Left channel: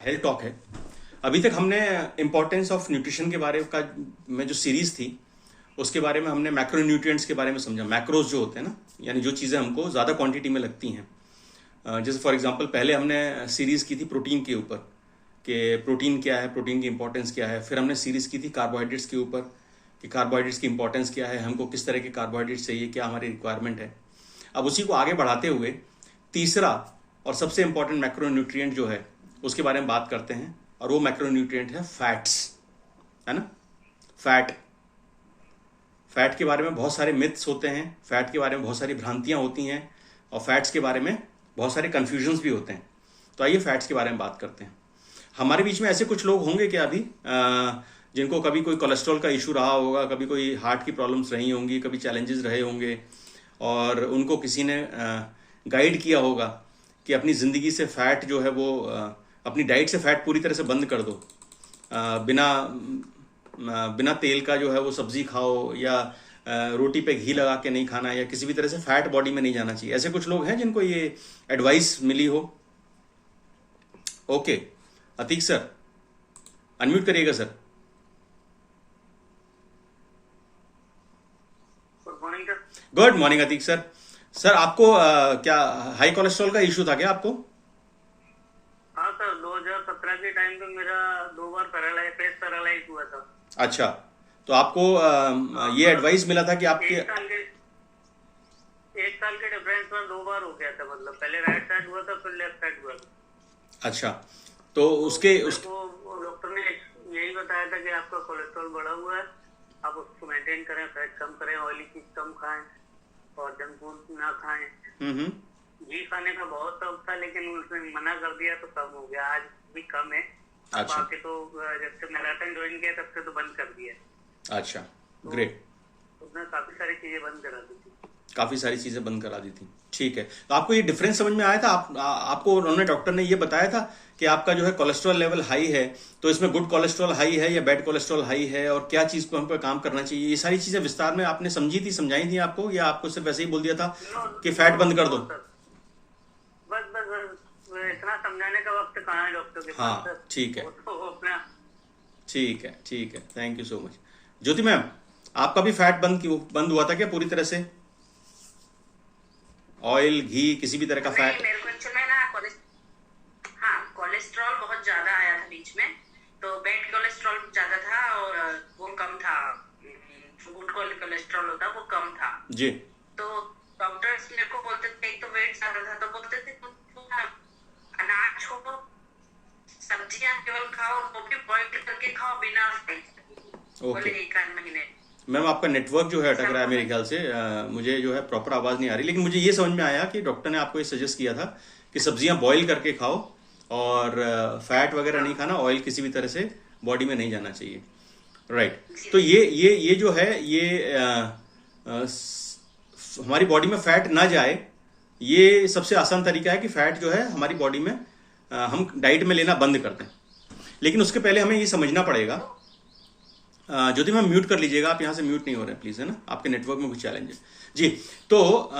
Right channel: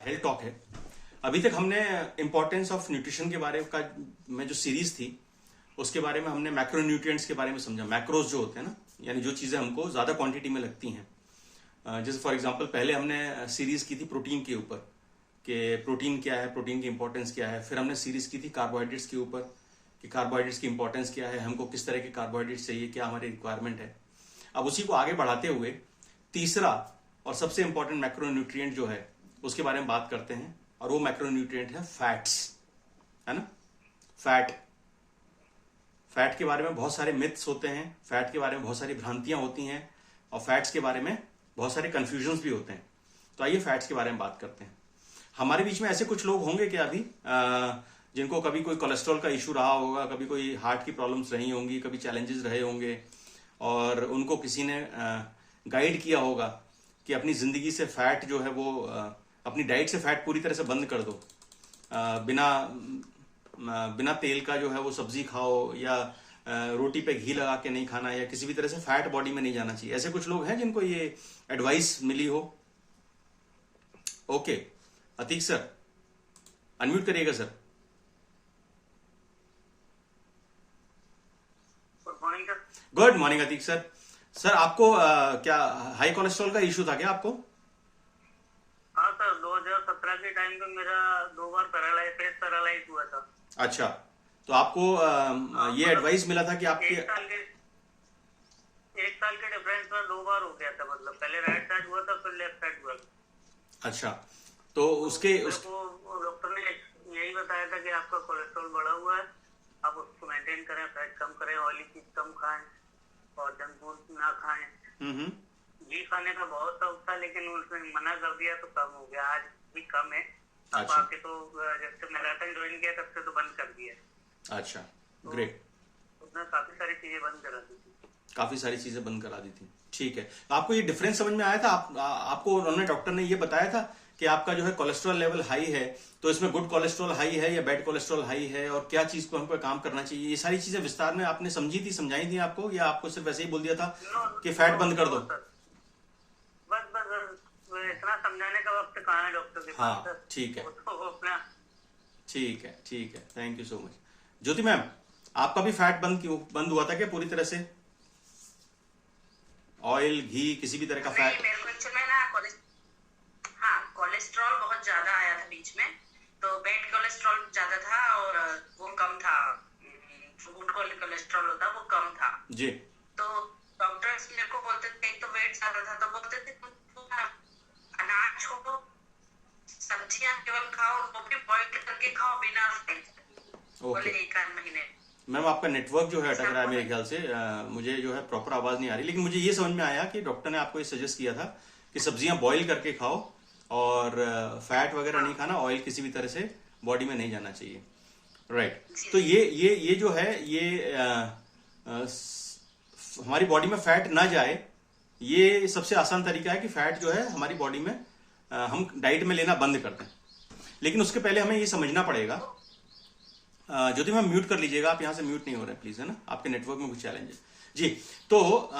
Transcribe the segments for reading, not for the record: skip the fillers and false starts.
Health talk है। अभी तक हमने इंपॉर्टेंस ऑफ न्यूट्रिशन के बारे का में जो सीरीज थी उसके बारे में हमने मैक्रो न्यूट्रिएंट्स के बारे में समझा। मैक्रोज जो होते हैं ना, यानी जो चीज़ें हमको ज़्यादा क्वांटिटी में लगती हैं। जैसे फॉर एग्जांपल पहले हमने सीरीज की थी प्रोटीन के ऊपर कि प्रोटीन क्या है, प्रोटीन की इंपॉर्टेंस क्या है। फिर हमने सीरीज की थी कार्बोहाइड्रेट्स के ऊपर कि कार्बोहाइड्रेट्स की इंपॉर्टेंस क्या है, हमको किस तरह के कार्बोहाइड्रेट्स चाहिए, क्या हमारी रिक्वायरमेंट है। अब उसी को आगे बढ़ाते हुए तीसरा और सबसे इंपॉर्टेंट मैक्रो न्यूट्रिएंट जो है उसके बारे में बात करते हैं, और वो मैक्रो न्यूट्रिएंट है फैट्स, है ना। फैट के बारे में बहुत सारे मिथ्स होते हैं, फैट के बारे में बहुत सारी भ्रांतियां होती हैं, और फैट्स के बारे में बहुत सारे कंफ्यूजन्स भी होते हैं। तो आइए फैट्स के बारे में बात करते हैं। हमारे बीच में ऐसे कुछ लोग होंगे क्या अभी जिनको कभी कोई कोलेस्ट्रॉल का इशू रहा होगा, कभी कोई हार्ट की प्रॉब्लम्स रही होंगी, कभी चैलेंजेस रहे होंगे, और उनको किसी ने गाइड किया होगा कि अपनी ज़िंदगी से फैट जो है वो अपनी डाइट से फैट पूरी तरह से बंद कर दो, बिना तेल का जो है वो सब्जी खाओ, या रोटी पे घी लगा के नहीं खाना, या किसी भी तरह से फैट बॉडी में नहीं जाना चाहिए। ऐसे कुछ लोग हैं जिनको ये एडवाइस मिली हो। ओके अतीक सर, अनम्यूट करिएगा sir. Good morning Atiq sir. Sir आपको क्या हाई कोलेस्ट्रॉल का इशू था क्या आपको? हाँ सर, 2017 के टाइम पे मेरा 2 बार फेस पैरालाइज हुआ था। अच्छा, तो आपको ये एडवाइस मिला था कि आपके 1 साल के डिफरेंस में 2 बार हो गया था। मतलब पहले राइट साइड हुआ था, फिर लेफ्ट साइड हुआ था। अच्छा, तो उसके उसको डॉक्टर ने यही बताया था कि आपका कोलेस्ट्रॉल बढ़ा हुआ है, आप उसको मेंटेन करें, फैट कम करें, ऑयली चीज कम खाएं और जंक फूड ना खाएं। घी खाने का बहुत शौक था, लेकिन उसने मना कर दिया तो कम हो गया। आज भी कम है। अच्छा। बाकी तो जब से मैराथन ज्वाइन किया तब से तो बंद कर दिया। अच्छा, ग्रेट। उसने काफी सारी चीजें बंद करा दी थी। काफी सारी चीजें बंद करा दी थी, ठीक है। तो आपको ये डिफरेंस समझ में आया था? आपको उन्होंने डॉक्टर ने ये बताया था कि आपका जो है कोलेस्ट्रॉल लेवल हाई है, तो इसमें गुड कोलेस्ट्रॉल हाई है या बैड कोलेस्ट्रॉल हाई है, और क्या चीज पर हम पे काम करना चाहिए, ये सारी चीजें विस्तार में आपने समझी थी, समझाई थी आपको, या आपको सिर्फ वैसे ही बोल दिया था कि फैट बंद कर दो? बस इतना समझाने का वक्त कहाँ है डॉक्टर के पास। हाँ ठीक है, अपना ठीक है, ठीक है, thank you so much. Jyoti ma'am, आपका भी फैट बंद हुआ था क्या पूरी तरह से? ऑयल, घी, किसी भी तरह का फैट? मेरे को एक्चुअली ना कोलेस्ट्रॉल बहुत ज्यादा आया था बीच में, तो बैड कोलेस्ट्रॉल ज्यादा था और वो कम था, गुड कोलेस्ट्रॉल होता वो कम था जी। तो डॉक्टर्स मेरे को बोलते थे, एक तो वेट ज्यादा था तो बोलते थे तुम अनाज छोड़ो, सब्जियां केवल खाओ, वो भी बॉइल करके खाओ बिना बोले 1 महीने। मैम आपका नेटवर्क जो है अटक रहा है मेरे ख्याल से, मुझे जो है प्रॉपर आवाज नहीं आ रही, लेकिन मुझे ये समझ में आया कि डॉक्टर ने आपको ये सजेस्ट किया था कि सब्जियां बॉईल करके खाओ और फैट वगैरह नहीं खाना, ऑयल किसी भी तरह से बॉडी में नहीं जाना चाहिए, राइट। तो ये जो है ये हमारी बॉडी में फैट ना जाए, ये सबसे आसान तरीका है कि फैट जो है हमारी बॉडी में हम डाइट में लेना बंद कर दें। लेकिन उसके पहले हमें ये समझना पड़ेगा, ज्योति मैम म्यूट कर लीजिएगा, आप यहाँ से म्यूट नहीं हो रहे प्लीज, है ना, आपके नेटवर्क में कुछ चैलेंज है जी। तो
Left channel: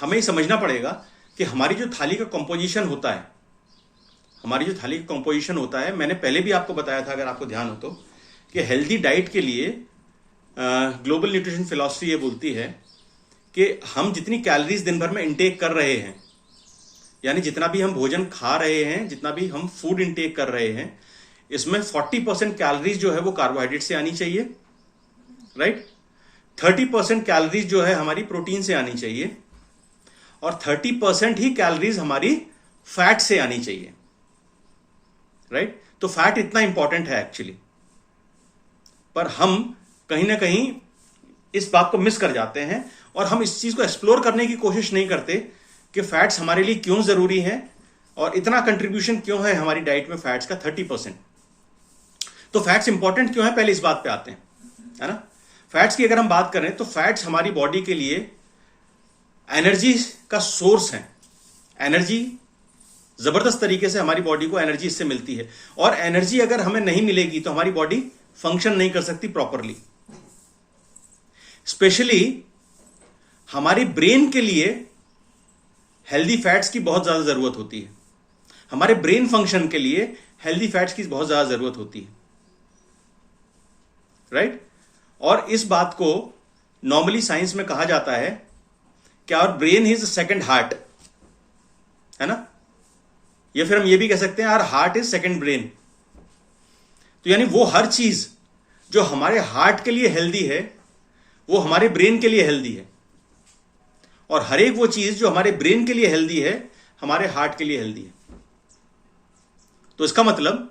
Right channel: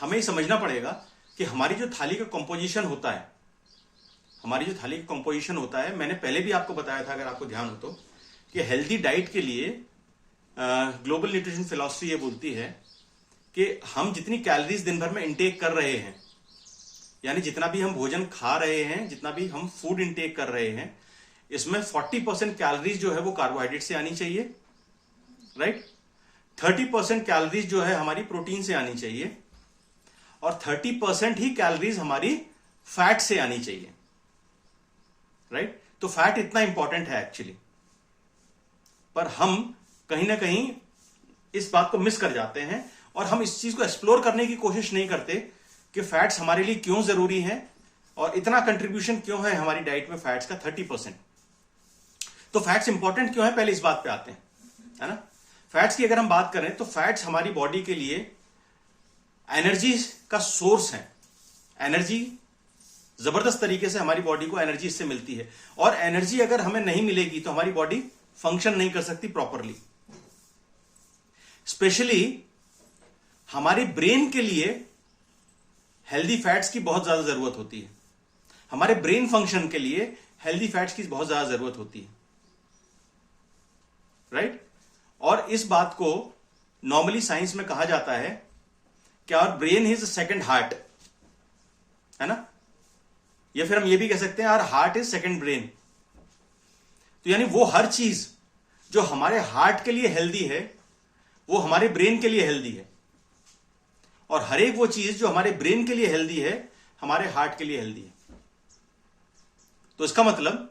हमें ये समझना पड़ेगा कि हमारी जो थाली का कंपोजिशन होता है, मैंने पहले भी आपको बताया था, अगर आपको ध्यान हो तो, कि हेल्दी डाइट के लिए ग्लोबल न्यूट्रिशन फिलॉसफी ये बोलती है कि हम जितनी कैलोरीज दिन भर में इंटेक कर रहे हैं, यानी जितना भी हम भोजन खा रहे हैं, जितना भी हम फूड इंटेक कर रहे हैं, इसमें 40% कैलोरीज जो है वो कार्बोहाइड्रेट से आनी चाहिए, राइट। 30% कैलोरीज जो है हमारी प्रोटीन से आनी चाहिए, और 30% ही कैलोरीज हमारी फैट से आनी चाहिए, राइट। तो फैट इतना इंपॉर्टेंट है एक्चुअली, पर हम कहीं ना कहीं इस बात को मिस कर जाते हैं, और हम इस चीज को एक्सप्लोर करने की कोशिश नहीं करते कि फैट्स हमारे लिए क्यों जरूरी है, और इतना कंट्रीब्यूशन क्यों है हमारी डाइट में फैट्स का 30%। तो फैट्स इंपॉर्टेंट क्यों है, पहले इस बात पे आते हैं, है ना। फैट्स की अगर हम बात करें तो फैट्स हमारी बॉडी के लिए एनर्जी का सोर्स है। एनर्जी जबरदस्त तरीके से हमारी बॉडी को एनर्जी इससे मिलती है, और एनर्जी अगर हमें नहीं मिलेगी तो हमारी बॉडी फंक्शन नहीं कर सकती प्रॉपरली। स्पेशली हमारी ब्रेन के लिए हेल्दी फैट्स की बहुत ज्यादा जरूरत होती है। हमारे ब्रेन फंक्शन के लिए हेल्दी फैट्स की बहुत ज्यादा जरूरत होती है, राइट? और इस बात को नॉर्मली साइंस में कहा जाता है कि our brain is second heart, है ना? या फिर हम ये भी कह सकते हैं our heart is second brain. तो यानी वो हर चीज जो हमारे हार्ट के लिए हेल्दी है वो हमारे ब्रेन के लिए हेल्दी है, और हर एक वो चीज जो हमारे ब्रेन के लिए हेल्दी है हमारे हार्ट के लिए हेल्दी है। तो इसका मतलब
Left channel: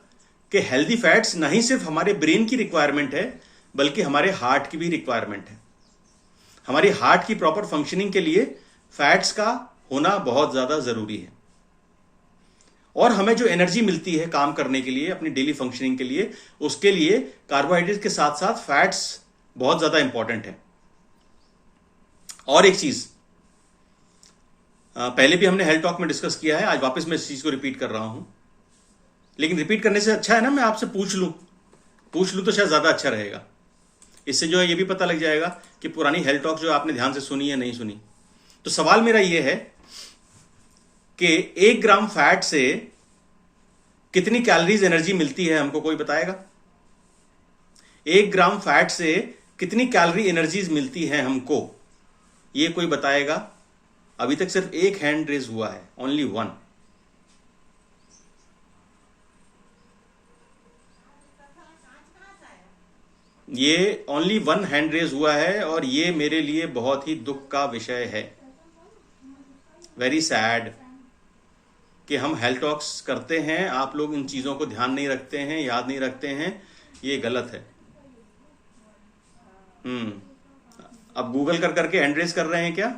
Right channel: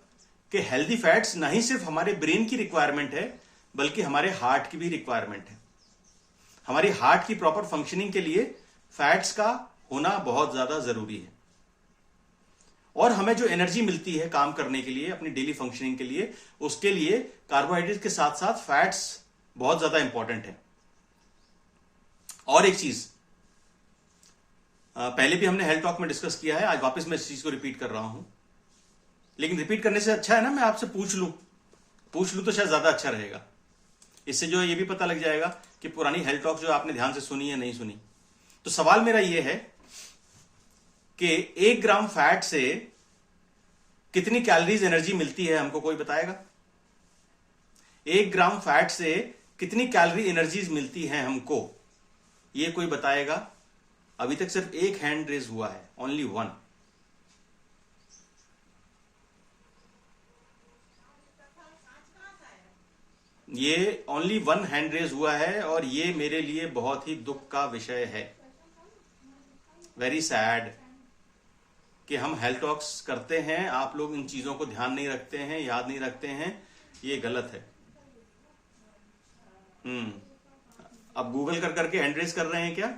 कि हेल्दी फैट्स ना ही सिर्फ हमारे ब्रेन की रिक्वायरमेंट है बल्कि हमारे हार्ट की भी रिक्वायरमेंट है। हमारी हार्ट की प्रॉपर फंक्शनिंग के लिए फैट्स का होना बहुत ज्यादा जरूरी है, और हमें जो एनर्जी मिलती है काम करने के लिए, अपनी डेली फंक्शनिंग के लिए, उसके लिए कार्बोहाइड्रेट के साथ साथ फैट्स बहुत ज्यादा इंपॉर्टेंट है। और एक चीज पहले भी हमने हेल्थ टॉक में डिस्कस किया है, आज वापस मैं इस चीज को रिपीट कर रहा हूं, लेकिन रिपीट करने से अच्छा है ना मैं आपसे पूछ लूं तो शायद ज्यादा अच्छा रहेगा। इससे जो है ये भी पता लग जाएगा कि पुरानी हेल्थ टॉक जो आपने ध्यान से सुनी या नहीं सुनी। तो सवाल मेरा ये है कि 1 ग्राम फैट से कितनी कैलोरीज एनर्जी मिलती है, हमको कोई बताएगा? 1 ग्राम फैट से कितनी कैलोरी एनर्जीज मिलती है हमको, ये कोई बताएगा? अभी तक सिर्फ एक हैंड रेज हुआ है, ओनली वन। ये ओनली वन हैंड रेज हुआ है, और ये मेरे लिए बहुत ही दुख का विषय है। वेरी सैड कि हम हेल्थ टॉक्स करते हैं, आप लोग इन चीजों को ध्यान नहीं रखते हैं, याद नहीं रखते हैं, ये गलत है। अब गूगल कर करके हैंड रेज कर रहे हैं क्या?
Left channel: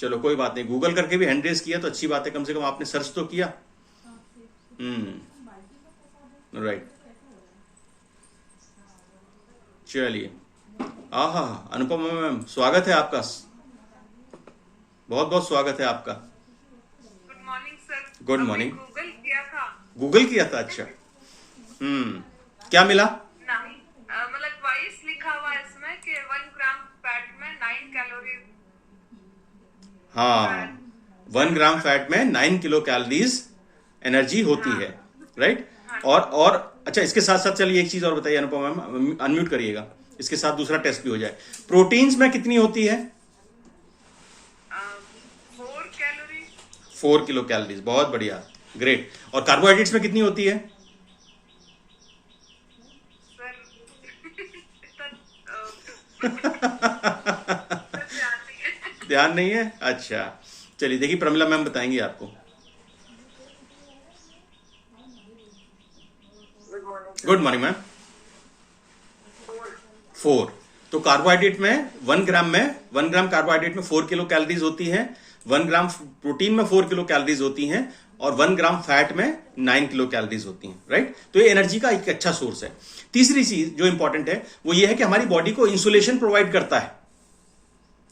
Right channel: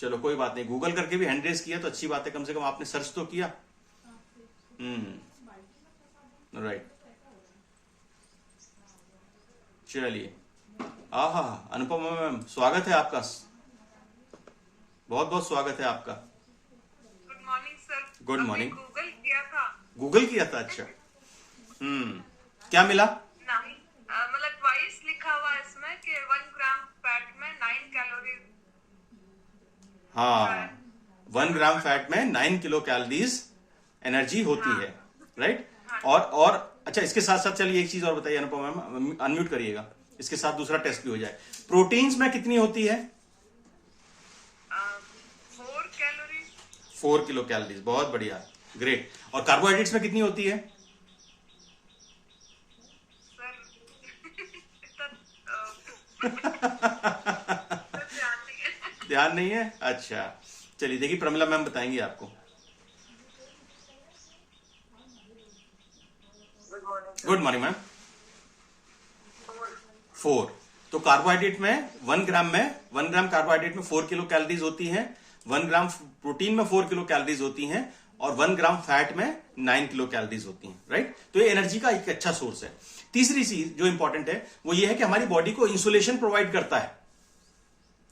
चलो कोई बात नहीं, गूगल करके भी हैंड रेज किया तो अच्छी बात है, कम से कम आपने सर्च तो किया। राइट, चलिए। आहा, अनुपमा मैम स्वागत है आपका, बहुत बहुत स्वागत है आपका। Good morning sir. Good morning. Google किया था। गूगल किया था, अच्छा। क्या मिला? नहीं, मतलब ट्वाइस लिखा हुआ है इसमें कि 1 ग्राम फैट में 9 कैलोरी। हाँ, 1 ग्राम फैट में 9 किलो कैलोरीज एनर्जी होती है, राइट? और अच्छा, इसके साथ साथ चलिए एक चीज और बताइए अनुपमा मैम, अनम्यूट करिएगा, इसके साथ दूसरा टेस्ट भी हो जाए। प्रोटीन्स में कितनी होती है? 4 कैलोरी। 4 किलो कैलोरीज, बहुत बढ़िया, ग्रेट। और कार्बोहाइड्रेट्स में कितनी होती है? सर ध्यान नहीं है? अच्छा, चलिए देखिए प्रमिला मैम बताएंगी आपको। Good morning ma'am. 4। तो कार्बोहाइड्रेट में 1 ग्राम कार्बोहाइड्रेट में 4 किलो कैलोरीज होती हैं, 1 ग्राम प्रोटीन में 4 किलो कैलोरीज होती हैं, और 1 ग्राम फैट में 9 किलो कैलोरीज होती हैं, राइट? तो ये एनर्जी का एक अच्छा सोर्स है। तीसरी चीज जो इंपॉर्टेंट है वो ये है कि हमारी बॉडी को इंसुलेशन प्रोवाइड करता है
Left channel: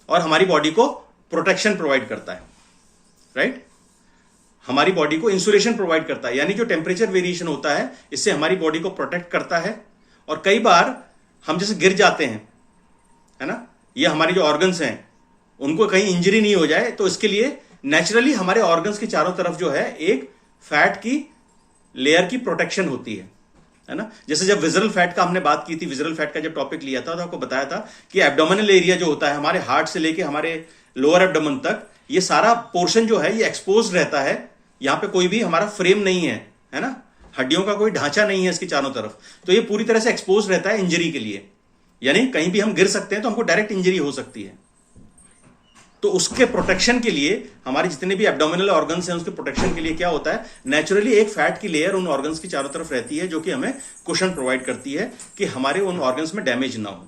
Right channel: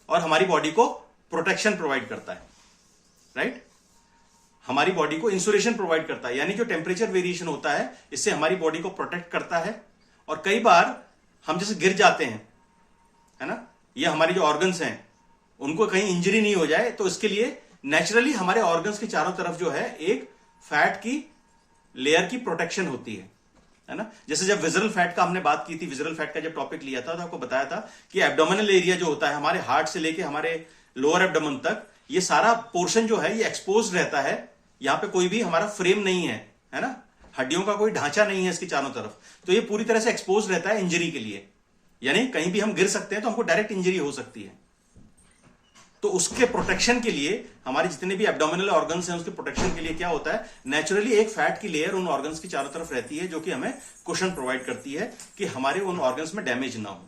और हमारी बॉडी को प्रोटेक्शन प्रोवाइड करता है, राइट? हमारी बॉडी को इंसुलेशन प्रोवाइड करता है, यानी जो टेम्परेचर वेरिएशन होता है इससे हमारी बॉडी को प्रोटेक्ट करता है। और कई बार हम जैसे गिर जाते हैं, है ना, ये हमारी जो ऑर्गन्स हैं उनको कहीं इंजरी नहीं हो जाए, तो इसके लिए नेचुरली हमारे ऑर्गन्स के चारों तरफ जो है एक फैट की लेयर की प्रोटेक्शन होती है ना? जैसे जब विजरल फैट का हमने बात की थी, विजरल फैट का जब टॉपिक लिया था तो आपको बताया था कि एब्डोमिनल एरिया जो होता है हमारे हार्ट से लेके हमारे लोअर एब्डोमेन तक, ये सारा पोर्शन जो है ये एक्सपोज रहता है। यहां पे कोई भी हमारा फ्रेम नहीं है ना, हड्डियों का कोई ढांचा नहीं है इसके चारों तरफ, तो ये पूरी तरह से एक्सपोज रहता है इंजरी के लिए, यानी कहीं भी हम गिर सकते हैं तो हमको डायरेक्ट इंजरी हो सकती है। तो उसके प्रोटेक्शन के लिए हमारे जितने भी एब्डोमिनल ऑर्गन्स हैं उसके प्रोटेक्शन के लिए क्या होता है, नेचुरली एक फैट की लेयर उन ऑर्गन्स की चारों तरफ रहती है जो कि हमें कुशन प्रोवाइड करती है कि हमारे उन ऑर्गन्स में डैमेज ना हो,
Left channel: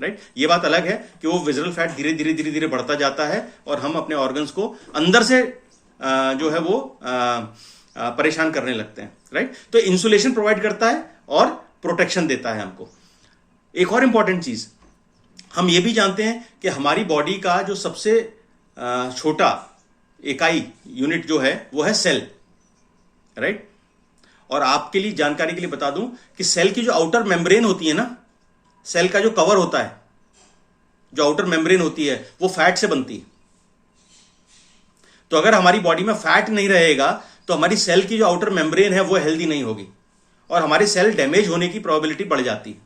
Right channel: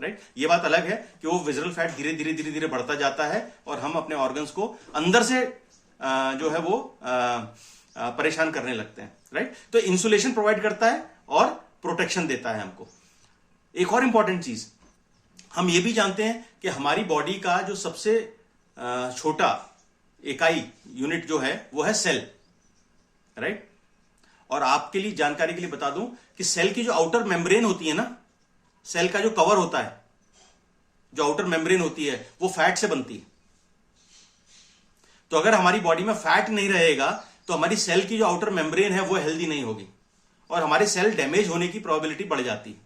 राइट? ये बात अलग है कि वो विजरल फैट धीरे धीरे धीरे धीरे बढ़ता जाता है और हम अपने ऑर्गन्स को अंदर से जो है वो परेशान करने लगते हैं, राइट? तो इंसुलेशन प्रोवाइड करता है और प्रोटेक्शन देता है हमको। एक और इंपॉर्टेंट चीज हम ये भी जानते हैं कि हमारी बॉडी का जो सबसे छोटा इकाई यूनिट जो है वो है सेल, राइट? और आपके लिए जानकारी के लिए बता दूं कि सेल की जो आउटर मेम्ब्रेन होती है ना, सेल का जो कवर होता है, जो आउटर मेम्ब्रेन होती है वो फैट से बनती है। तो अगर हमारी बॉडी में फैट नहीं रहेगा तो हमारी सेल की जो आउटर मेम्ब्रेन है वो हेल्दी नहीं होगी और हमारे सेल डैमेज होने की प्रोबेबिलिटी बढ़ जाती है,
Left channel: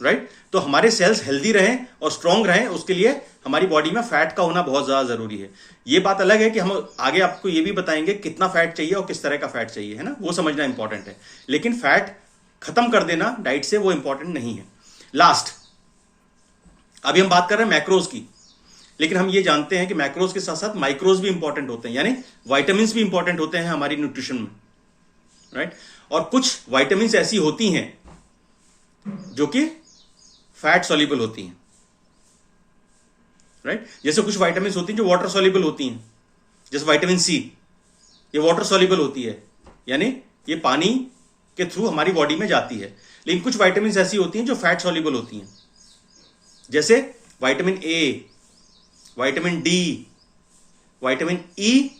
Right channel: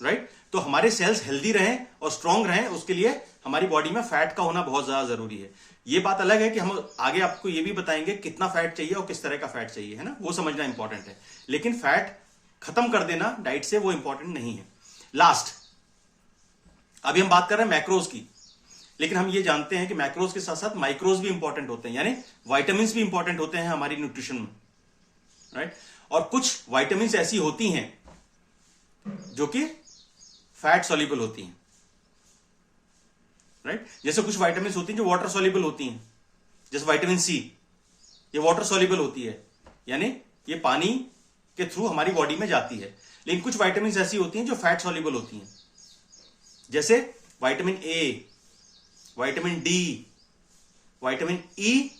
राइट? तो हमारे सेल्स हेल्दी रहें और स्ट्रांग रहें, उसके लिए हमारी बॉडी में फैट का होना बहुत ज्यादा जरूरी है। ये बात अलग है कि हम आगे आपको ये भी बताएंगे कितना फैट चाहिए और किस तरह का फैट चाहिए, है ना, वो समझना इंपॉर्टेंट है। लेकिन फैट खत्म कर देना डाइट से वो इंपॉर्टेंट नहीं है। लास्ट, अभी हम बात कर रहे हैं मैक्रोज की, लेकिन हम ये जानते हैं कि मैक्रोज के साथ साथ माइक्रोज भी इंपॉर्टेंट होते हैं, यानी वाइटामिन भी इंपॉर्टेंट होते हैं हमारी न्यूट्रिशन में, राइट? और कुछ वाइटामिन ऐसी होती हैं जो कि फैट सॉल्युबल होती हैं, राइट? जैसे कुछ वाइटामिन होती हैं जो वाटर सॉल्युबल होती हैं, जैसे विटामिन सी, ये वाटर सॉल्युबल होती है, यानी ये पानी के थ्रू हमारी बॉडी में जाती है। लेकिन कुछ वाइटामिन ऐसी होती हैं जो फैट सॉल्युबल होती हैं, जैसे vitamin A, vitamin D, vitamin E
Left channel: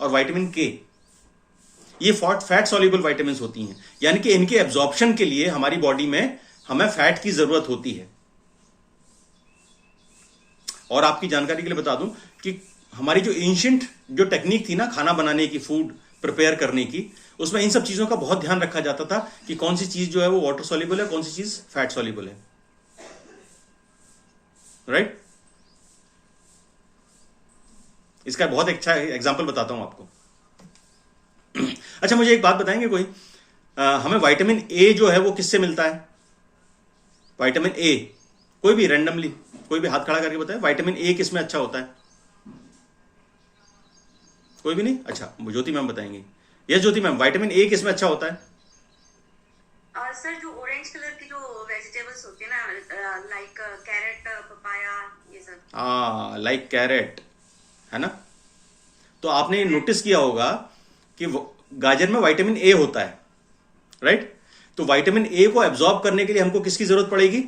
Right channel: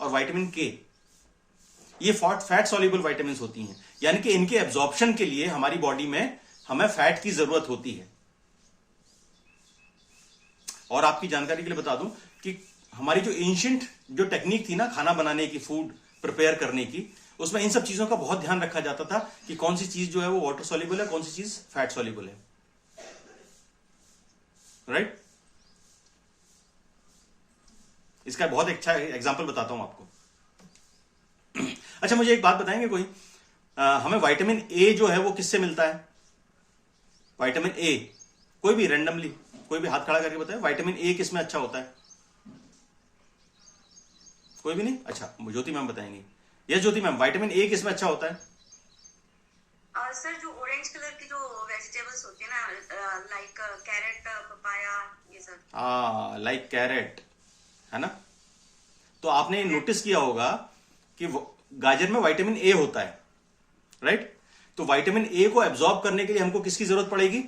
और विटामिन के। ये फैट सॉल्युबल विटामिन होती हैं, यानी कि इनके एब्जॉर्प्शन के लिए हमारी बॉडी में हमें फैट की जरूरत होती है। और आपकी जानकारी के लिए बता दूं कि हमारी जो एंशिएंट जो टेक्निक थी ना खाना बनाने की, फूड प्रिपेयर करने की, उसमें इन सब चीजों का बहुत ध्यान रखा जाता था कि कौन सी चीज जो है वो वाटर सॉल्युबल है, कौन सी चीज फैट सॉल्युबल है, राइट? इसका बहुत अच्छा एग्जांपल बताता हूं आपको। अच्छा, मुझे एक बात बताएंगे कोई, हमें विटामिन ए जो है वो किससे मिलता है? विटामिन ए, कोई भी रैंडमली कोई भी हाथ खड़ा करके बताए विटामिन ए किस में अच्छा होता है? कोई भी नहीं? अच्छा, ज्योति मैम बताएंगी। Yes Jyoti ma'am, vitamin A किस में अच्छा होता है? सर, जो ऑरेंज कलर की जो वेजिटेबल्स होती है ना, लाइक कैरेट, पपाया, ये सब। लाइक कैरेट, है ना? तो आपने नोटिस किया होगा कि गाजर में विटामिन ए होता है, राइट? तो विटामिन ए को एब्जॉर्ब करने के लिए हमको किसकी जरूरत पड़ेगी?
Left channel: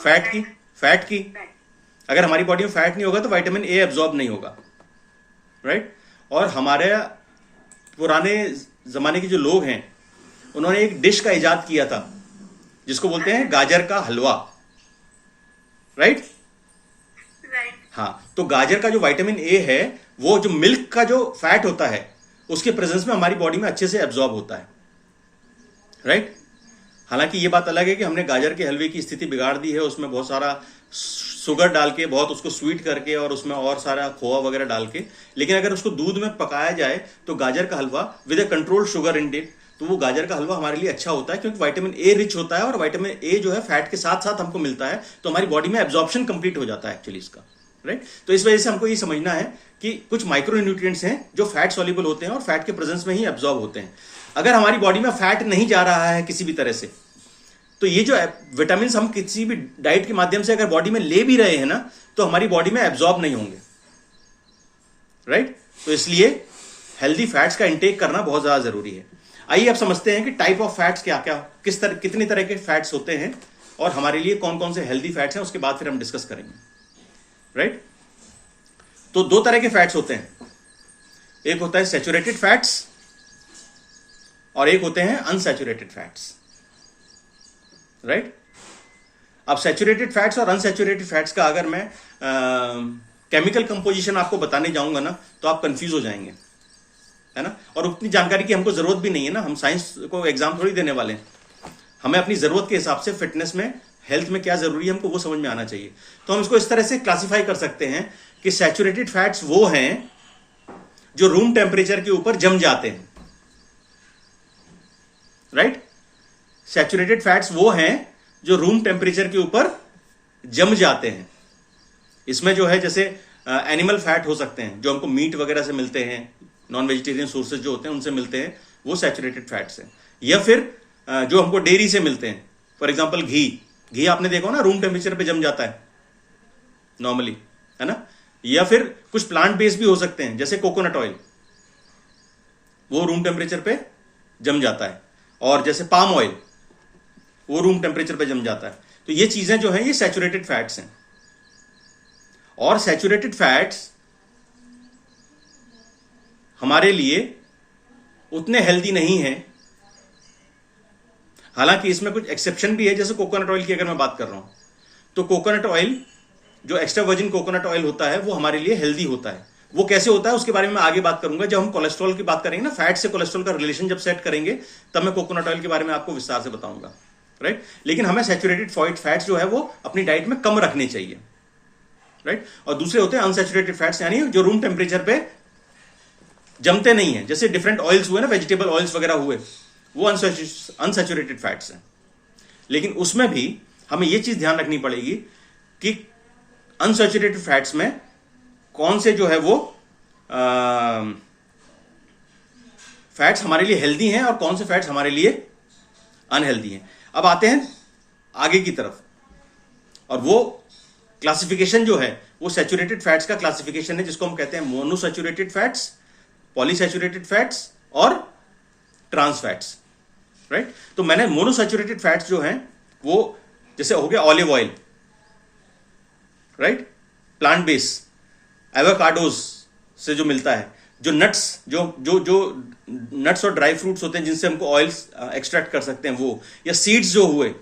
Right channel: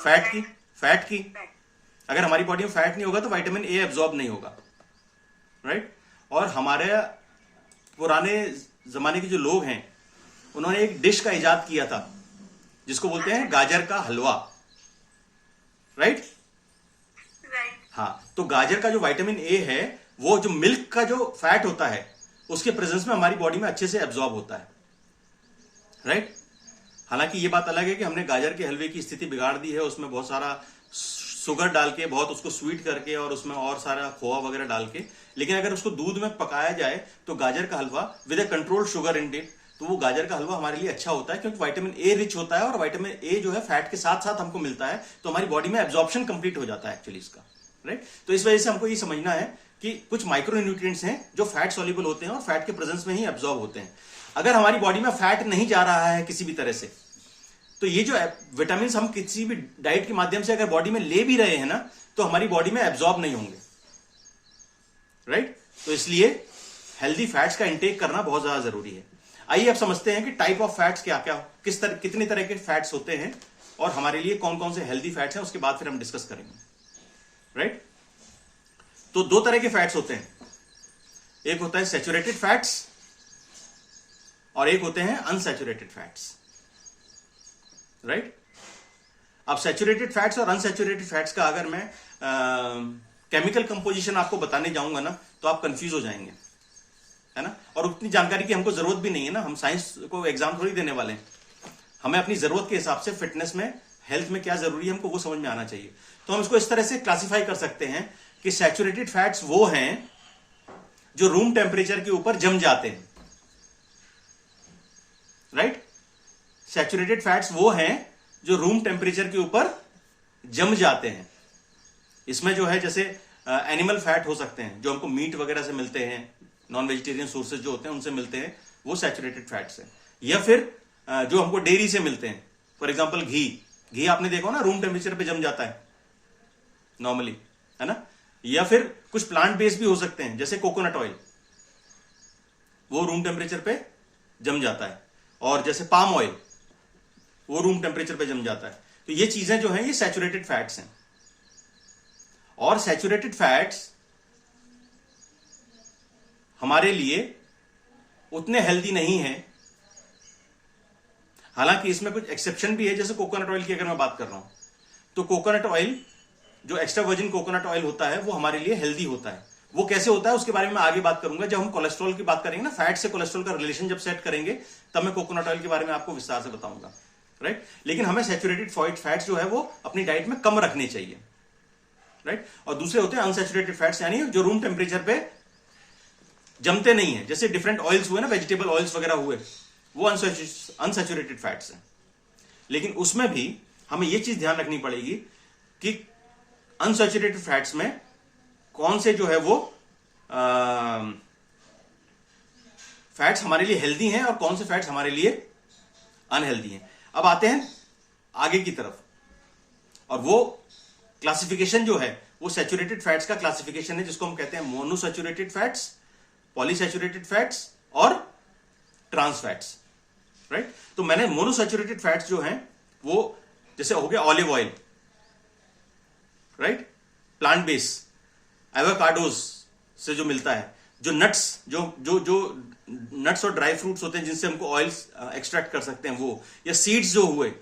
फैट की। अगर हमारी बॉडी में फैट नहीं होगा तो विटामिन ए एब्जॉर्ब नहीं होगा, राइट? और हमारे पुराने जमाने के जो लोग हैं उन्होंने एक डिश का इजाद किया था जिसको बोलते हैं गाजर का हलवा, राइट? हाँ, तो गाजर का जो विटामिन ए है वो जो मिल्क का जो फैट होता है उसके प्रेजेंस में हमारी बॉडी में अच्छे से एब्जॉर्ब होता है, राइट? हालांकि ये बात अलग है कि हमने गाजर के हलवे की स्थिति बिगाड़ दी है, उसमें बहुत सारा शुगर डाल के, बहुत उसको स्वीट करके और उसमें और सारा खोआ वगैरह डाल के, लेकिन अगर उसको दूध में पकाया जाए तो गाजर का halwa with a controlled sugar intake, तो वो गाजर का हलवा हमारे लिए अच्छा होता है क्योंकि विटामिन ए रिच होता है और विटामिन ए जो है फैट के साथ साथ हमको मिलता है, तो हमारी बॉडी में एब्जॉर्प्शन कंप्लीट हो जाता है एक्चुअली इसका, राइट? तो इस वजह से हमको ये समझना है कि कुछ माइक्रो न्यूट्रिएंट्स हैं जो फैट सॉल्युबल होते हैं और फैट के प्रेजेंस में ही एब्जॉर्ब होते हैं। अगर हमारी बॉडी में फैट नहीं जा रहा है किसी भी तरह से, तो ये जो विटामिन हम किसी भी डाइट के माध्यम से अगर बॉडी में ले भी रहे हैं ना, तो हमारी बॉडी में एब्जॉर्ब नहीं होंगे, राइट? तो इसलिए हेल्दी फैट्स का इंटेक करना बहुत ज्यादा जरूरी है। आइए अब समझते हैं कि टाइप ऑफ फैट्स क्या क्या, कितनी तरह के फैट्स होते हैं और हमारे लिए कौन कौन से हेल्दी फैट्स हैं, उसके बाद फिर हम डिस्कस करेंगे, राइट? तो दो तरह के फैट्स होते हैं, एक होता है सैचुरेटेड फैट्स और एक होते हैं अनसैचुरेटेड फैट्स, राइट? अब सैचुरेटेड फैट्स और अनसैचुरेटेड फैट्स का अगर मैं केमिकल कंपोजिशन आपको बताने जाऊंगा ना तो आप कंफ्यूज हो जाएंगे, है ना? और उतनी जानकारी की हमको जरूरत भी नहीं है ना, हम साइंस को एग्जाम थोड़ी देने वाले हैं। हमें अपनी जरूरत के हिसाब से फिटनेस में, हेल्थ में क्या जरूरी है हमको वो समझ में आना चाहिए। तो हम इसको इस तरह से क्लासिफाई कर सकते हैं कि सैचुरेटेड फैट्स वो हैं जो रूम टेम्परेचर के ऊपर जम जाते हैं, राइट? सैचुरेटेड फैट्स वो हैं जो रूम टेम्परेचर के ऊपर जम जाते हैं। इसमें जो है जैसे एनिमल फैट हो सकते हैं जो हमको मीट वगैरह से मिलते हैं, नॉन वेजिटेरियन सोर्सेज जो होते हैं उनसे मिलते हैं, वो सैचुरेटेड फैट्स हैं। या फिर जो हमको डेयरी से मिलते हैं, फॉर एग्जांपल घी आपने देखो ना रूम टेम्परेचर पे जम जाता है नॉर्मली, है ना? या फिर कुछ प्लांट बेस्ड भी हो सकते हैं जैसे कोकोनट ऑयल, वो रूम टेम्परेचर पे जम जाता है, और जैसे पाम ऑयल वो रूम टेम्परेचर पे जम जाता है। तो ये चीजें जो हैं ये सैचुरेटेड फैट्स हैं। और सैचुरेटेड फैट्स हमारे लिए उतने हेल्दी नहीं हैं, हालांकि इसमें कुछ एक्सेप्शन भी है। जैसे कोकोनट ऑयल की अगर मैं बात कर रहा हूं तो कोकोनट ऑयल जो एक्स्ट्रा वर्जिन कोकोनट ऑयल होता है वो हमारे लिए हेल्दी होता है। वो कैसे होता है उसके बारे में मैं आगे बात करूंगा, जब हम कोलेस्ट्रॉल की बात करेंगे ना, फैट से कोलेस्ट्रॉल का रिलेशन जब सेट करेंगे तब मैं कोकोनट ऑयल के बारे में आपको विस्तार से बताऊंगा, राइट। लेकिन हमें सैचुरेटेड फैट्स जो है वो अपनी डाइट में कम रखने चाहिए, राइट। और दूसरे होते हैं अनसैचुरेटेड फैट्स, यानी जो रूम टेम्परेचर पे जमते नहीं है, जैसे डिफरेंट ऑयल्स हुए ना, वेजिटेबल ऑयल्स वगैरह हुए, वो अनसैचुरेटेड फैट्स हैं। लेकिन उसमें भी हमें यह चीज ध्यान रखनी पड़ेगी कि अनसैचुरेटेड फैट्स में कौन से जो है वो फैट्स हमारे लिए हेल्दी हैं और कौन से फैट्स हमारे लिए अनहेल्दी हैं। अब आते हैं आगे की तरफ, और वो क्लासिफिकेशन जो है वो सैचुरेटेड फैट्स का क्लासिफिकेशन है, जिसको हम कहते हैं मोनोसैचुरेटेड फैट्स, पॉलीसैचुरेटेड फैट्स और ट्रांस फैट्स, राइट। तो मैंने मोनोसैचुरेटेड फैट्स जो हैं वो जैसे हो गया olive oil, right, plant base, avocados से जो मिलता है, जो नट्स जो जो जो नट्स और ड्राई फ्रूट्स होते हैं जिनसे हमको ऑयल्स एक्सट्रैक्ट कर सकते हैं वो, या सीड्स जो हुए,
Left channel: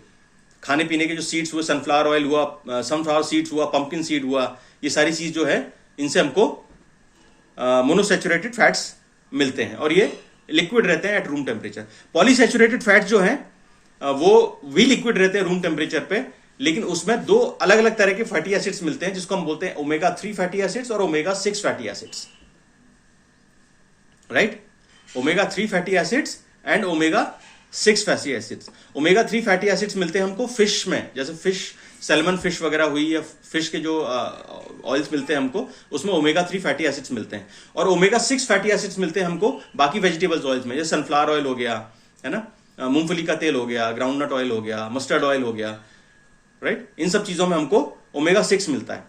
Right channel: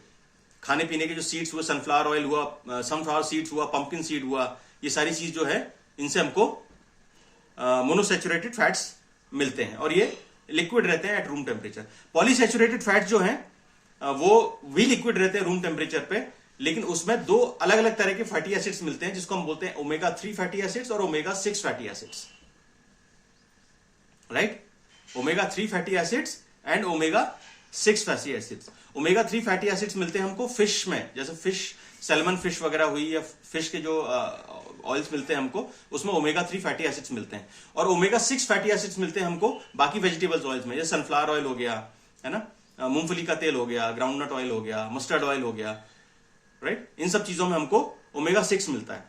खाने पीने के जो सीड्स हुए, सनफ्लावर ऑयल हुआ, सनफ्लावर सीड्स हुआ, पंपकिन सीड हुआ, ये सारी चीज जो है इनसे हमको मोनोसैचुरेटेड फैट्स मिलते हैं और ये लिक्विड रहते हैं at room temperature. Polyunsaturated fats जो हैं वो भी लिक्विड रहते हैं रूम टेम्परेचर पे, लेकिन उसमें दो अलग अलग तरह के फैटी एसिड्स मिलते हैं जिसको हम बोलते हैं ओमेगा 3 फैटी एसिड्स और omega 6 fatty acids, right. Omega 3 fatty acids and omega 6 fatty acids. Omega 3 fatty acids मिलते हैं हमको फिश में, जैसे फिश, सैल्मन फिश वगैरह हुई, या फिश के जो ऑयल्स मिलते हैं हमको, उसमें ओमेगा 3 फैटी एसिड्स मिलते हैं। और ओमेगा 6 फैटी एसिड्स मिलते हैं हमको बाकी वेजिटेबल्स ऑयल्स में, जैसे सनफ्लावर ऑयल हो गया, है ना, मूंगफली का तेल हो गया, ग्राउंडनट ऑयल हो गया, मस्टर्ड ऑयल हो गया, राइट। इन सब चीजों में हमको ओमेगा 6 मिलता है।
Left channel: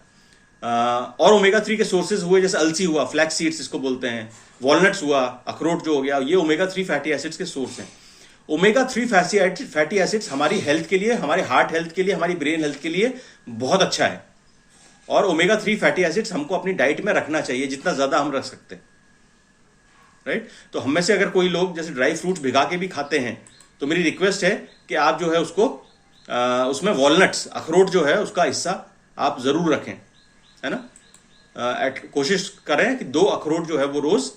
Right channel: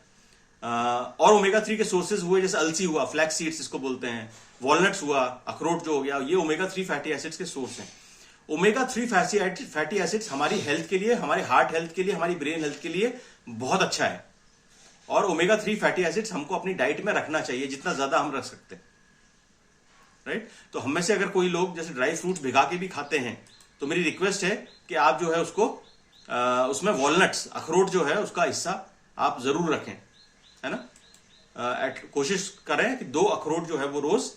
और ओमेगा 3 के सोर्सेज हुए, जैसे अलसी हुआ, फ्लैक्स सीड्स इसको बोलते हैं, वॉलनट्स हुआ, अखरोट जो हो गया, ये ओमेगा 3 फैटी एसिड्स के सोर्स हैं। ओमेगा 3 फैटी एसिड्स हमारी हेल्थ के लिए, हमारे हार्ट हेल्थ के लिए, हमारी ब्रेन हेल्थ के लिए बहुत अच्छा है। और ओमेगा 3 फैटी एसिड्स हमको अपनी डाइट में रखना चाहिए, जितना ज्यादा हम रख सकते हैं, राइट। तो हम में से अगर कोई लोग जैसे ड्राई फ्रूट्स भिगा के भी खाते हैं, तो मेरी रिक्वेस्ट है कि आप जो है उसको उसमें वॉलनट्स, अखरोट जो है उसका हिस्सा आप जरूर रखें, है ना। कोशिश करें कि 2 अखरोट जो है वो रोज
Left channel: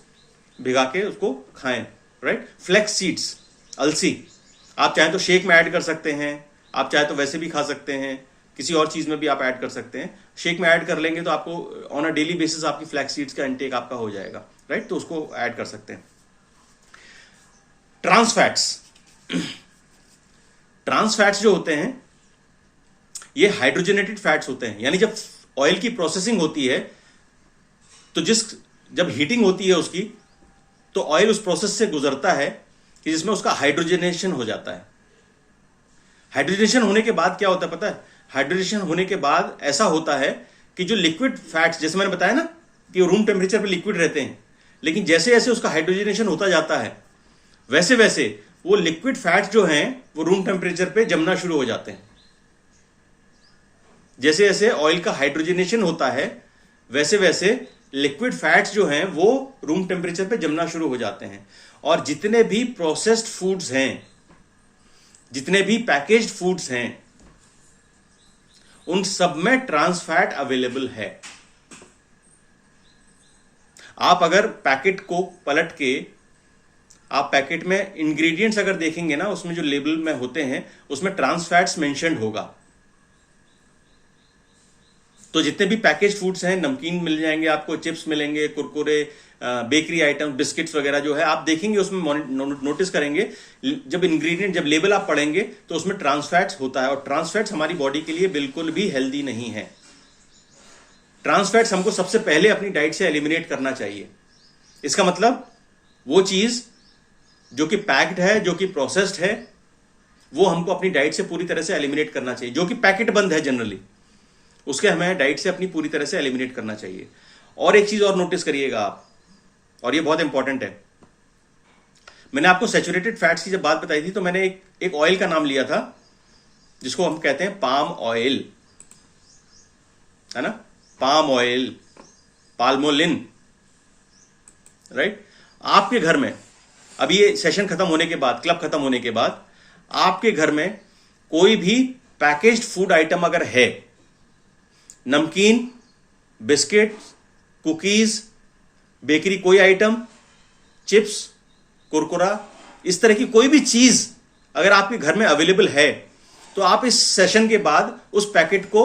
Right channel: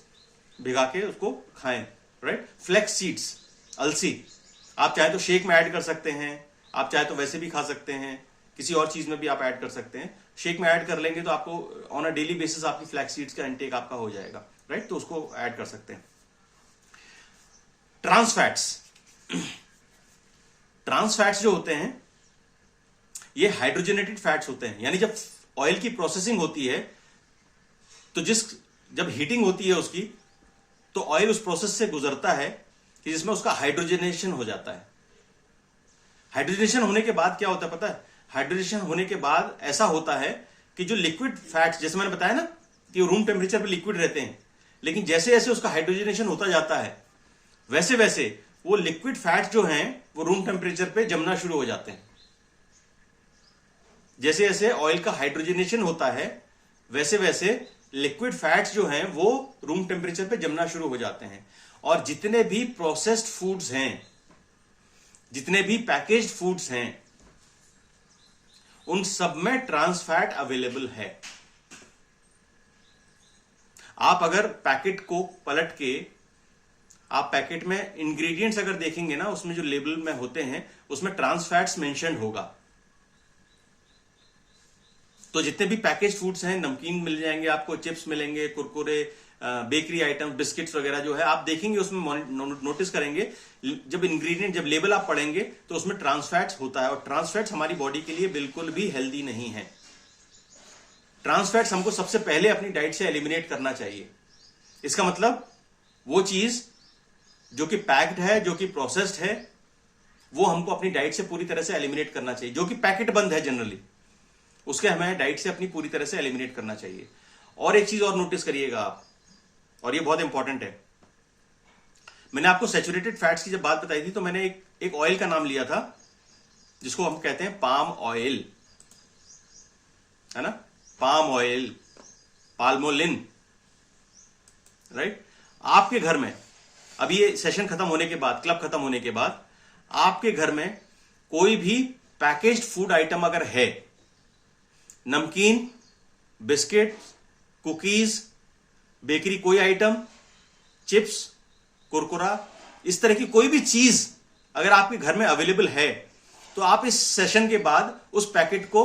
भिगा के उसको खाएं, राइट। फ्लैक्स सीड्स, अलसी, आप चाहे तो शेक में ऐड कर सकते हैं, आप चाहे तो वैसे भी खा सकते हैं, किसी और चीज में भी आप ऐड कर सकते हैं। शेक में ऐड कर लेंगे तो आपको ऑन अ डेली बेसिस आपकी फ्लैक्स सीड्स का इंटेक आपका हो जाएगा, राइट। तो उसको ऐड कर सकते हैं। ट्रांस फैट्स, ट्रांस फैट्स जो होते हैं ये हाइड्रोजनेटेड फैट्स होते हैं, यानी जब ऑयल की प्रोसेसिंग होती है तो जब हीटिंग होती है उसकी, तो ऑयल उस प्रोसेस से गुजरता है कि जिसमें उसका हाइड्रोजनेशन हो जाता है। हाइड्रोजनेशन होने के बाद क्या होता है पता है? हाइड्रोजनेशन होने के बाद ऐसा होता है कि जो लिक्विड फैट्स, जैसे मैंने बताया ना कि रूम टेम्परेचर पे लिक्विड रहते हैं, लेकिन जैसे जैसे उसका हाइड्रोजनेशन होता जाता है वैसे वैसे वो लिक्विड फैट्स जो हैं वो रूम टेम्परेचर पे जमना शुरू हो जाते हैं। जैसे जैसे ऑयल का हाइड्रोजनेशन होता है वैसे वैसे लिक्विड फैट्स जो हैं वो रूम टेम्परेचर पे जमना शुरू हो जाते हैं। और जितने भी प्रोसेस्ड फूड्स हैं, जितने भी पैकेज्ड फूड्स हैं, उन सब में ट्रांस फैट अवेलेबल है। आप अगर पैकेट को पलट के आप पैकेट में इंग्रेडिएंट्स अगर देखेंगे ना, उसमें जो लेबल में होते हैं उसमें ट्रांस फैट्स मेंशन्ड होगा। तो जितने भी पैकेज फूड्स हैं, नमकीन मिल जाएंगे आपको, चिप्स मिलेंगे, कुरकुरे, बेकरी आइटम, बिस्किट्स वगैरह जो है आप देखेंगे उसमें नोटिस करेंगे, जब इंग्रेडिएंट, जब लेबल आप पढ़ेंगे तो उसमें ट्रांस फैट्स होता है। और ट्रांस फैट्स हमारी बॉडी के लिए बिल्कुल भी हेल्दी नहीं है। ट्रांस फैट्स हमको सबसे पहले अपनी डाइट से एलिमिनेट करना चाहिए। इसका मतलब वो चीज जो कि पैक्ड है, जो कि प्रोसेस्ड है, वो हमको अपनी डाइट से पूरी तरह से एलिमिनेट करना चाहिए। जो कि पैकेट बंद है जनरली, उसके हमें डाइट से अपनी पूरी तरह से एलिमिनेट करना चाहिए। और एक चीज और नोटिस करिएगा आप, और ये बहुत इंपॉर्टेंट है। मैंने आपको सैचुरेटेड फैट्स की जब बात बताई थी तो मैंने एक ऑयल का नाम लिया था जिसको हम कहते हैं पाम ऑयल, है ना, पाम ऑयल, पाल्मोलिन, राइट। आपके घर में अभी ये सेशन खत्म होने के बाद, क्लब खत्म होने के बाद, आपके घर में कोई भी पैकेज्ड फूड आइटम अगर है नमकीन, बिस्किट, कुकीज, बेकरी कोई आइटम, चिप्स, कुरकुरा, इस तरह की कोई भी चीज अगर आपके घर में अवेलेबल है तो आप इस सेशन के बाद उस पैकेट को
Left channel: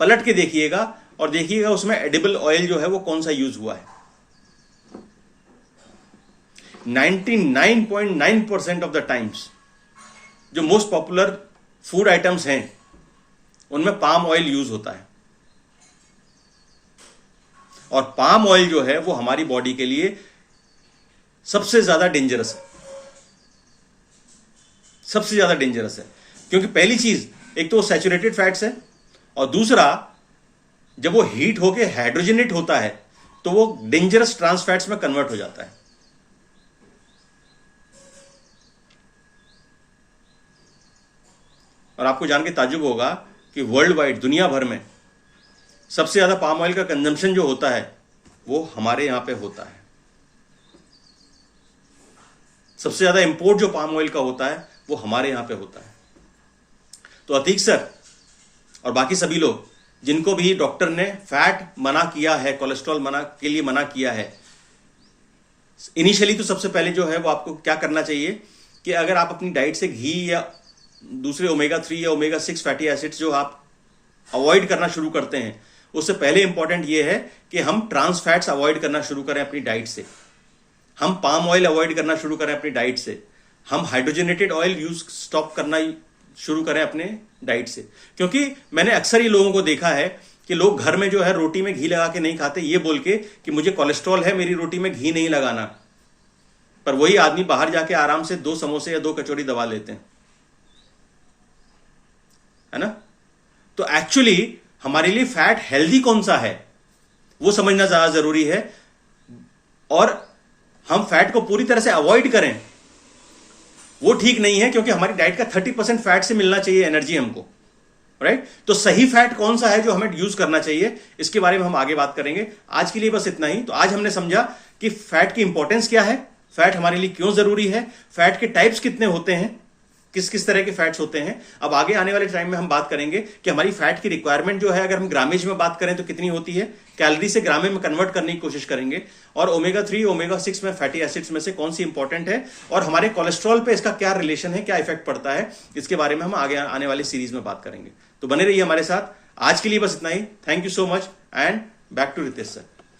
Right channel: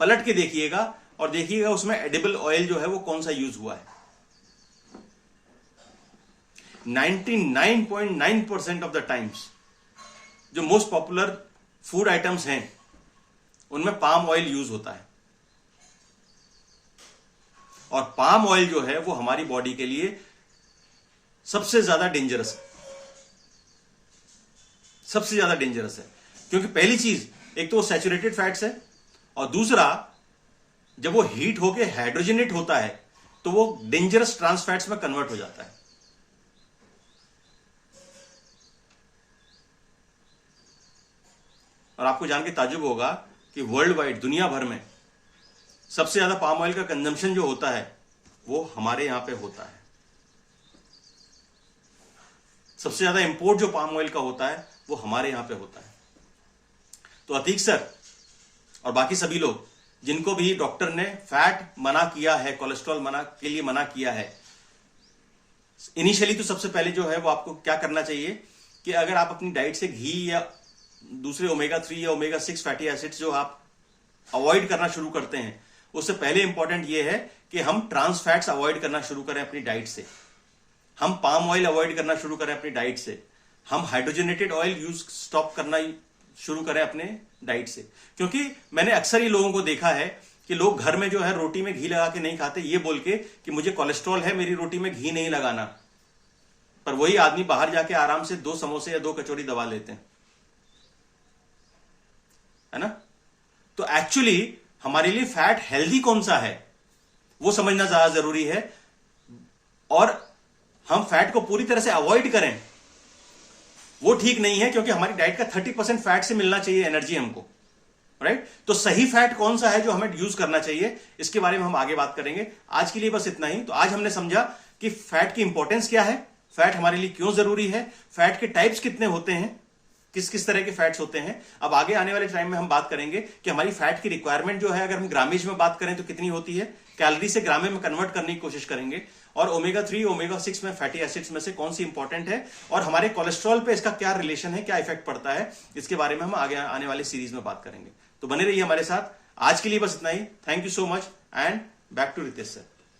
पलट के देखिएगा और देखिएगा उसमें एडिबल ऑयल जो है वो कौन सा यूज हुआ है। 99.9% ऑफ द टाइम्स जो मोस्ट पॉपुलर फूड आइटम्स हैं उनमें पाम ऑयल यूज होता है, और पाम ऑयल जो है वो हमारी बॉडी के लिए सबसे ज्यादा डेंजरस है, सबसे ज्यादा डेंजरस है। क्योंकि पहली चीज, एक तो सैचुरेटेड फैट्स है, और दूसरा जब वो हीट होके हाइड्रोजनेट होता है तो वो डेंजरस ट्रांस फैट्स में कन्वर्ट हो जाता है। और आपको जान के ताज्जुब होगा कि वर्ल्ड वाइड, दुनिया भर में सबसे ज्यादा पाम ऑयल का कंजम्पशन जो होता है वो हमारे यहां पे होता है। सबसे ज्यादा इंपोर्ट जो पाम ऑयल का होता है वो हमारे यहां पे होता है। तो अतीक सर और बाकी सभी लोग जिनको भी डॉक्टर ने फैट मना किया है, कोलेस्ट्रॉल के लिए मना किया है, इनिशियली तो सबसे पहले जो है वो आपको क्या करना चाहिए कि अगर आप अपनी डाइट से घी या दूसरे ओमेगा 3 या ओमेगा 6 फैटी एसिड्स जो आप अवॉइड करना शुरू करते हैं, उससे पहले इंपॉर्टेंट ये है कि हम ट्रांस फैट्स अवॉइड करना शुरू करें अपनी डाइट से, हम पाम ऑयल अवॉइड करना शुरू करें अपनी डाइट से, हम हाइड्रोजनेटेड ऑयल यूज स्टॉप करना शुरू करें अपने डाइट से। क्योंकि मैंने अक्सर ये लोगों को देखा है कि लोग घर में जो है रोटी में घी लगा के नहीं खाते, ये बोल के कि मुझे कोलेस्ट्रॉल है, मेरी रोटी में घी नहीं लगाना, पर वही आदमी बाहर जाके आराम से 2 समोसे या 2 कचौरी दबा लेते हैं, है ना। तो एक्चुअली हमारे लिए फैट हेल्दी कौन सा है वो समझना ज्यादा जरूरी है, और हम फैट को पूरी तरह से अवॉइड करें वो ठीक नहीं है, क्योंकि हमारी डाइट का 30% फैट से मिलना चाहिए एनर्जी हमको, राइट। तो सही फैट कौन सा है जो हमें यूज करना चाहिए, इसके बारे में हम आगे बात करेंगे। आज के लिए बस इतना ही। तो आज हमने समझा कि फैट की इंपॉर्टेंस क्या है, फैट हमारे लिए क्यों जरूरी है, फैट के टाइप्स कितने होते हैं, किस किस तरह के फैट्स होते हैं। अब आगे आने वाले टाइम में हम बात करेंगे कि हमारी फैट की रिक्वायरमेंट जो है, अगर हम ग्रामेज में बात करें तो कितनी होती है, कैलोरी से ग्रामे में कन्वर्ट करने की कोशिश करेंगे, और ओमेगा 3 ओमेगा 6 में फैटी एसिड्स में से कौन सी इंपॉर्टेंट है, और हमारे कोलेस्ट्रॉल पे इसका क्या रिलेशन है, क्या इफेक्ट पड़ता है, इसके बारे में हम आगे आने वाली सीरीज में बात करेंगे। तो बने रहिए हमारे साथ। आज के लिए बस इतना ही। Thank you so much and back to Ritesh sir.